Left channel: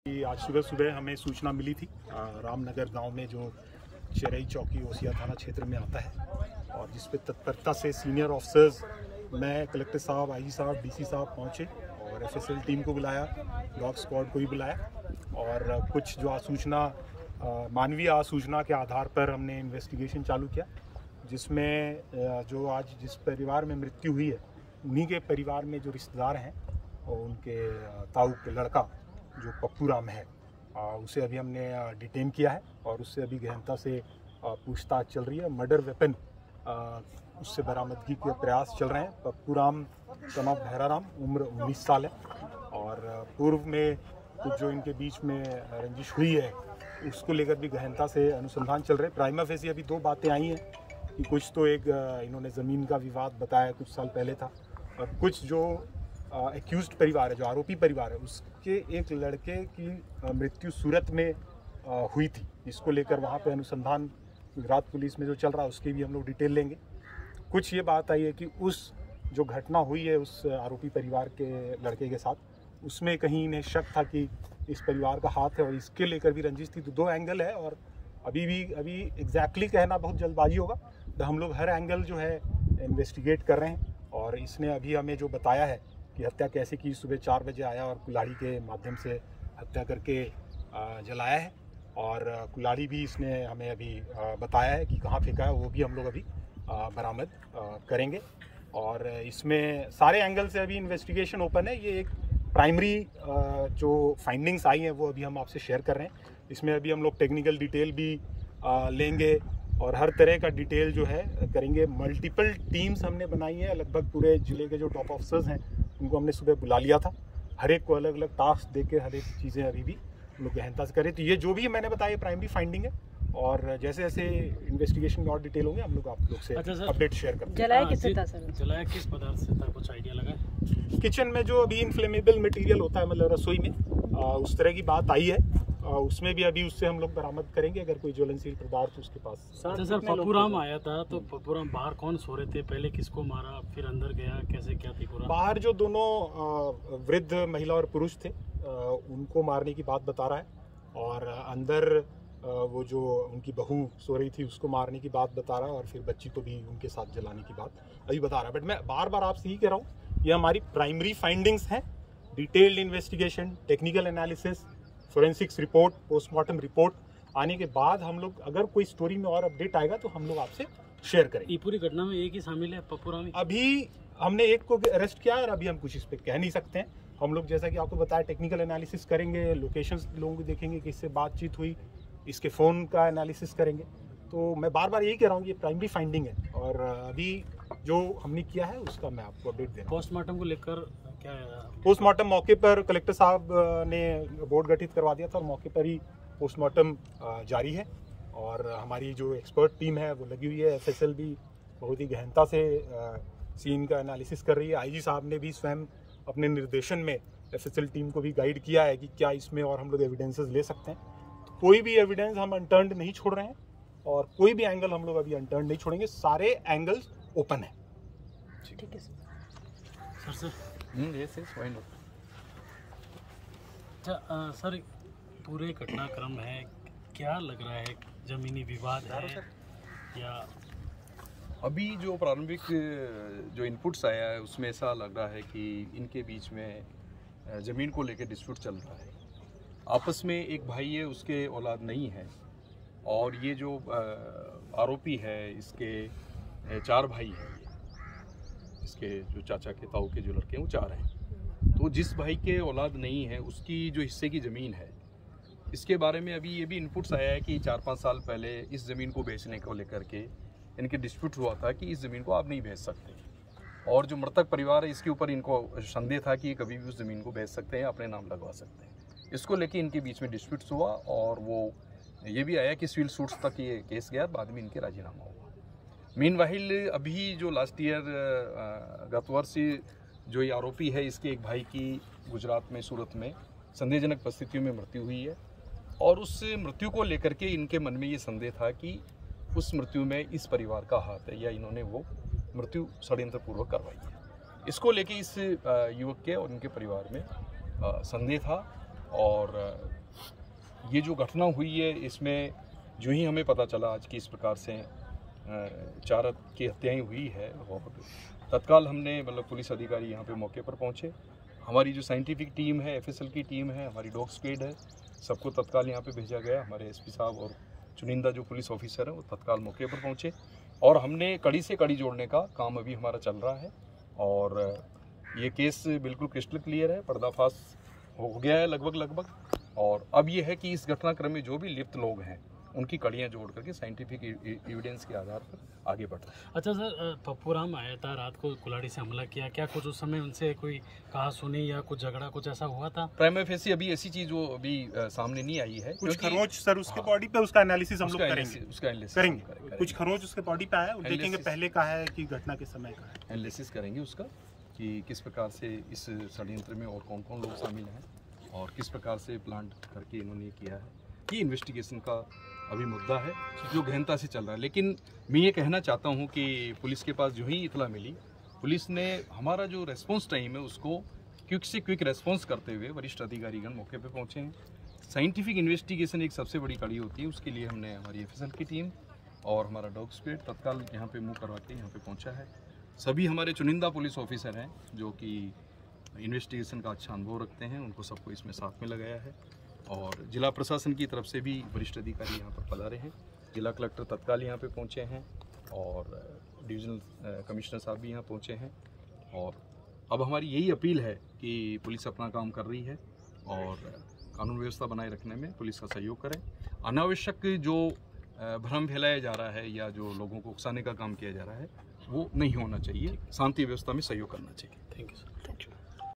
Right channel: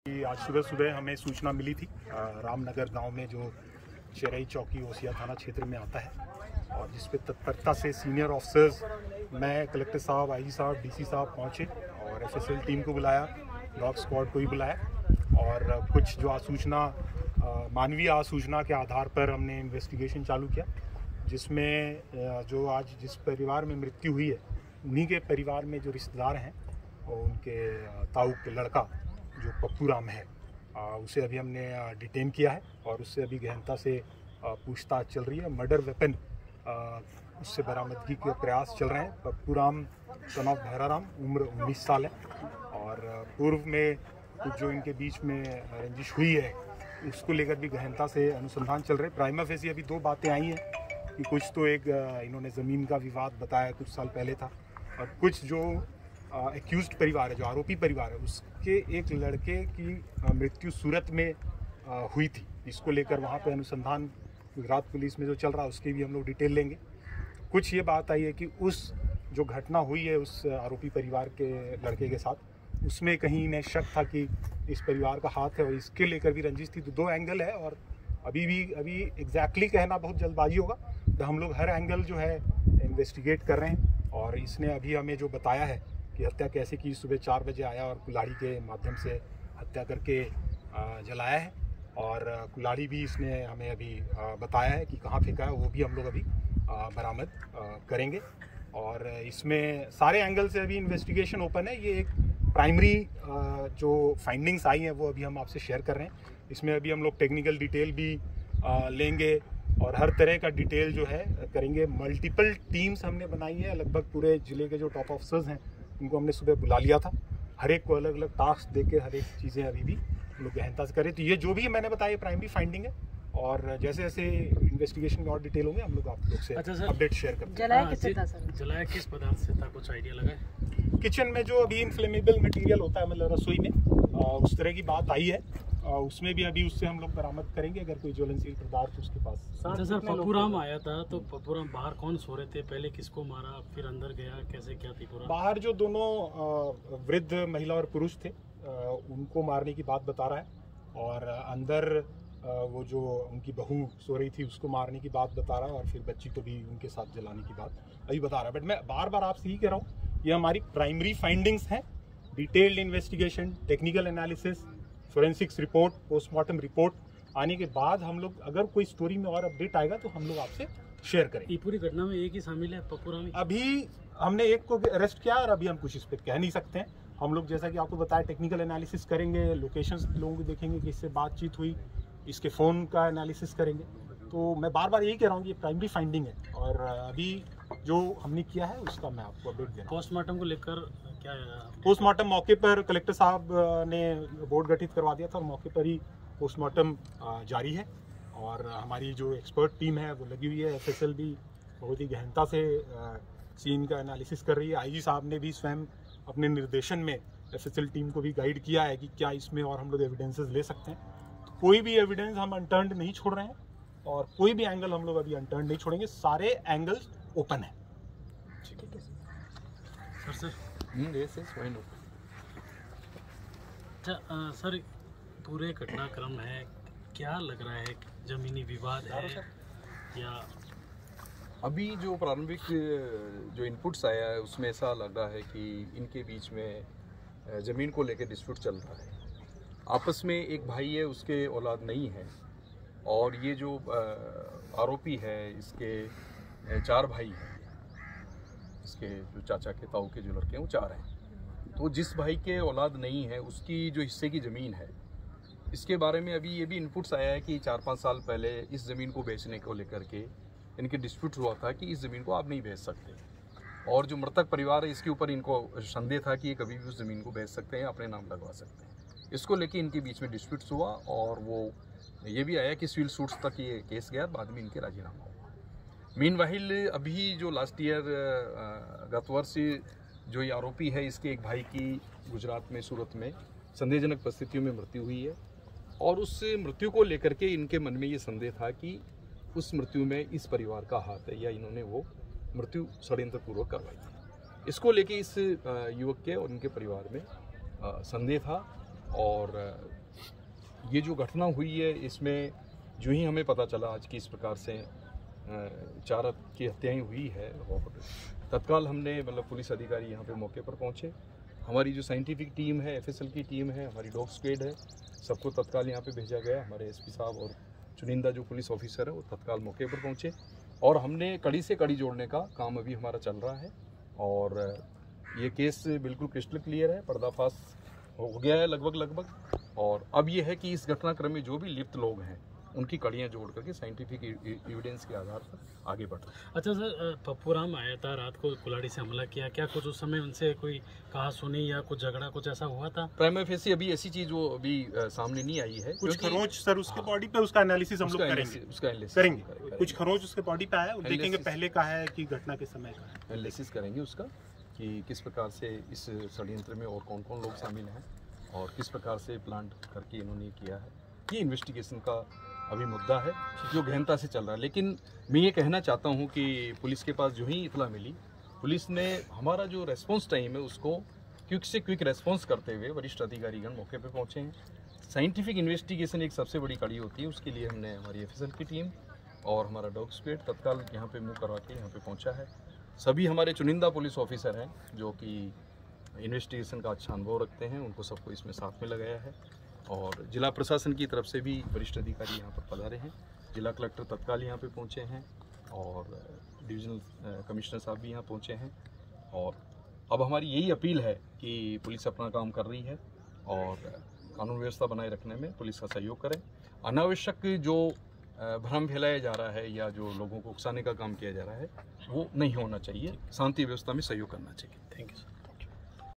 आज सुबह सुबह हमें सूचना मिली थी रामनगर गांव में जो चेरई चौकी ओसिया थाना क्षेत्र में आता है और जिस पे तत्परता से सीनियर ऑफिसर्स, मैं, कलेक्टर साहब, आईजी साहब, डीसी साहब पहुंचे और एफएसएल टीम को बुलाया, डॉग स्क्वाड को भी बुलाया और कुछ जो आसूचना मानवीय आसूचना के आधार पर हमने इन्वेस्टिगेशन चालू किया, जिसमें जो आज जिस परिवार में मृत्यु हुई है उन्हीं के परिवार में जो रिश्तेदार हैं और उनके ताऊ के लड़का जो पप्पू राम है उसे अभी हमने डिटेन किया है और उससे अभी गहनता से पूछताछ चल रही है। मर्डर वेपन उससे बरामदगी के प्रयास चल रहे हैं। पप्पू राम सन ऑफ भैराराम, उम्र 19 साल है और पूर्व में कुछ जो इनके बीच में रंजिश हुई है उसको लेकर भी गहनता से अनुसंधान चल रहे हैं। प्राइमा फेसी अभी दो बातें आई हैं कि कुछ तो एक इन्होंने ज़मीन का विवाद बताया कुछ साल पहले था और कुछ जो एक्यूज्ड परिवार है, जो आरोपी परिवार है, उसके एक लड़के की मृत्यु सूरत में हुई थी। इसको लेकर वहाँ पे अनुसंधान गुजरात पुलिस में जो चल रहा है उसकी भी हम लोग डिटेल लेंगे। कुछ ये बात आई है कि उस जो घटना हुई है उस आरोपी परिवार के लड़के के साथ, उसमें कहीं इन्हें शक था कि इस परिवार का हाथ है और इसके लेकर भी रंजिश थी। तो दो एंगल है और अभी एग्जैक्टली कहना बहुत जल्दबाजी होगा। तो हम लोग हर एंगल जो है इन्वेस्टिगेट कर रहे हैं और इसने अभी हमें जो बताया है कि हत्या कैसे की, सुबह 4 बजे आया और कुल्हाड़ी के माध्यम से हत्या करके जलाया है और कुल्हाड़ी भी इसने हमें अभी बताया है कि कहाँ फेंका है, वो भी हम लोग अभी बरामद करेंगे। और इसमें सारे एंगल से अभी इन्वेस्टिगेशन ओपन है। ये एक प्राइमरी जो फाइंडिंग्स आई हैं वो अभी हम आपसे शेयर कर रहे हैं। इसमें अभी हम लोग टेक्निकल डिटेल भी लेंगे और हर तरह का डिटेल जो है करेंगे। मल्टीपल टीम्स हमने बनाई है, लगभग पूरे ज़िले के जो टॉप ऑफिसर्स हैं उनको हमने सुबह बुला लिया था। हर एक को अलग अलग टास्क देके हर एक चीज़ें अभी भी हम लोग गहनता से करें। तो ये जो भी मैंने बताया प्राइमरी फाइंडिंग है और जैसे जैसे इन्वेस्टिगेशन में और डिटेल होंगे हम लोग आप लोग से अपडेट शेयर करते हैं। जलाया किस पदार्थ से था, कुछ आइडिया लगा है? किचन में जो अभी इनफ्लेमेबल मटेरियल होता है, मतलब रसोई में उस तरह की बात आई है। उसमें भी अभी उससे हम लोग बरामद करेंगे अगर कोई ज्वलनशील पदार्थ उसके पास। सर पप्पू राम आया था तो पप्पू राम बाहर कौन सो रहे थे, पहले किसको मारा, फिर अंदर गया, कैसे क्या थी पूरा? बाहर जो दोनों वृद्ध महिला और पुरुष थे उनको मारने की बात बता रहा है और अंदर वो जो उनकी बहू सो रही थी उसको मारने की बात बता रहा है और फिर बच्ची को भी उनके साथ जलाने की बात अभी बता रहा है। बट मैं बार बार आपसे ही कह रहा हूँ, ये हमारी प्राइमरी फाइंडिंग्स हैं। Detailed investigation, technical analysis, forensics report, postmortem report आने के बाद हम लोग अगर कोई स्टोरी में और अपडेट आएगा तो हम लोग आपसे शेयर करेंगे। ये पूरी घटना में एक ही शामिल है, पप्पू राम? अभी हमने एक को अरेस्ट किया और अभी हम कुछ इस पर कह नहीं सकते हैं। हम लोग जैसा कि आपको बताया टेक्निकल एनालिसिस करेंगे, लोकेशंस लोगों को देखेंगे कि इससे बातचीत हुई, इसके फ़ोन का एनालिसिस करेंगे। तो मैं बार बार यही कह रहा हूँ कि ये प्राइमरी फाइंडिंग है और अभी जो हमने किया है उसका मैं आपको अपडेट दे रहा हूँ। पोस्टमार्टम को लेकर क्या है? पोस्टमार्टम मौके पर कलेक्टर साहब ने बोर्ड गठित करवा दिया था और मौके पर ही पोस्टमार्टम जारी है और हमारी जो एक्सपर्ट टीम है वो लगी हुई है। एफएसएल भी बहुत ही गहनता से सीन का एनालिसिस कर रही है। आईजी साहब ने भी स्वयं अपने निर्देशन में एफएसएल टीम को भी गाइड किया है कि क्या इसमें और हम लोग एविडेंसेस ले सकते हैं। तो कोई भी एविडेंस हम अनटर्न्ड नहीं छोड़ रहे हैं और कोई भी एंगल हम लोग अभी अनटर्न्ड नहीं छोड़ेंगे। सारे एंगल्स ओपन है। ठीक है सर। अच्छा सर, पूरे घटनाक्रम है, क्या लग रहा है, जमीनी विवाद है या? अभी जो प्रारंभिक जो इनपुट्स आया है उसमें ऐसा लग रहा है कि इनके बीच में ज़मीन को लेकर डिस्प्यूट चल रहा है। आपस में एक भाई है, उसके औलाद नहीं है और ये जो आरोपी है इसके 4 भाई हैं। इसके जो चाचा के ताऊ के जो लड़के हैं वो 4 हैं। तो जिस भाई के औलाद नहीं है उसकी जो हिस्से की ज़मीन है, इसके बारे में अभी ये भी इनपुट्स आया है कि 4-5 साल पहले इस ज़मीन को बेचने को लेकर के इनके डिस्प्यूट हुआ था कि इस ज़मीन को आप नहीं बेच सकते और जो मृतक परिवार है इसके ऊपर इनको संदेह था कि ये कभी भी उस ज़मीन को बेच सकते हैं, अपने नाम लगवा सकते हैं। इसको लेके इनके बीच में डिस्प्यूट्स हुआ और वो ये भी आया कि सिविल सूट्स तक ये केस गया, बाद में इनके राजीनामा हुआ। मीनवाइल अभी जो लास्ट ईयर गत वर्ष जो ये आरोपी है इसके एक भाई की गुजरात में सूरत में संदेहजनक परिस्थितियों में मृत्यु हुई है और उस मृत्यु को लेकर के इनके मन में ये संदेह था कि उस मृत्यु में इस परिवार का हाथ है या इन्होंने वो मृत्यु षड्यंत्रपूर्वक करवाई है। इसको लेके इस युवक के और उनके परिवार में संदेह था और ये जो घटना हुई है इसमें जो ही हमें पता चला आज कि इस प्रकार से 4 की हत्याएं हुई है और तत्काल हमने मतलब पुलिस अधिकारी यहाँ पे मौके पर पहुँचे। हमारी जो साइंटिफिक टीम है, FSL की टीम है, हमारी डॉग स्क्वाड है, सबको तत्काल यहाँ पे भेजा गया। हमारे SP साहब और चुनिंदा जो पुलिस ऑफिसर हैं वो तत्काल मौके पर पहुँचे और हमने कड़ी से कड़ी जोड़ने का काम अभी हमारा चल रहा है और ये केस बिल्कुल क्रिस्टल क्लियर है, पर्दाफाश हो गया है लगभग। और अब ये है कि इस घटनाक्रम में जो भी लिप्त लोग हैं उनकी कड़ियाँ जोड़ करके साइंटिफिक एविडेंस के आधार पर आगे बढ़ रहे हैं। अच्छा सर, पप्पूराम आया था रात को, कुल्हाड़ी से हमला किया, क्या कुछ उस समय उनसे कोई कहा सुनी या कुछ झगड़ा कुछ ऐसा हुआ था? प्राइमा फेसी अभी ऐसी चीज वो अभी सामने नहीं आई है। कुछ खरोंच सर उसके बॉडी पे, उसका एनालिसिस हम लोग करेंगे। कुछ खरोंच उसके बॉडी पे आया, देखेंगे पहले का है कि घटना के समय का है। एनालिसिस करेंगे उसका कि किस प्रकार से इस षड्यंत्र में और कौन कौन लोग शामिल हैं और किस प्रकार से प्लान करके इन्होंने किया है। ये इन्वेस्टिगेशन का अभी मुद्दा है जो गहनता से चल रहा है। लेकिन मैं ये कहना चाहता हूँ कि पुलिस के पास जो ही इतला मिली, पुलिस ने हमारा जो रेस्पॉन्स टाइम है उसको क्विक से क्विक रेस्पॉन्स करते हुए वरिष्ठ अधिकारीगण मौके पे पहुँचे हैं। साइंटिफिक इन्वेस्टिगेशन एक सबसे बड़ी कड़ी होती है, उसके लिए हमने हमारी FSL की टीम और हमारा डॉग स्क्वाड तत्काल यहाँ पे मुँह करवा के यहाँ पे पहुँचा है। सभी हमारे चुनिंदा पुलिस ऑफिसर हैं जो कि इन्वेस्टिगेशन का अच्छा अनुभव रखते हैं, उनको सबको इसमें साथ में लगाया है और जिला प्रशासन की तरफ से भी वरिष्ठ अधिकारी यहाँ पर पधारे हैं। जिला कलेक्टर तत्काल यहाँ पे पहुँचे हैं और डिविजनल कमिश्नर साहब भी यहाँ पहुँचे हैं और अब हमारी यही अपील है कि पुलिस अपना काम कर रही है और कानून व्यवस्था बनाए रखने में पुलिस का सहयोग करें। अनावश्यक जो भ्रम फैलाया जा रहा है या जो लोगों को उकसाने का काम किया जा रहा है वो नहीं होना चाहिए। शांति व्यवस्था में सहयोग करना चाहिए। Thank you.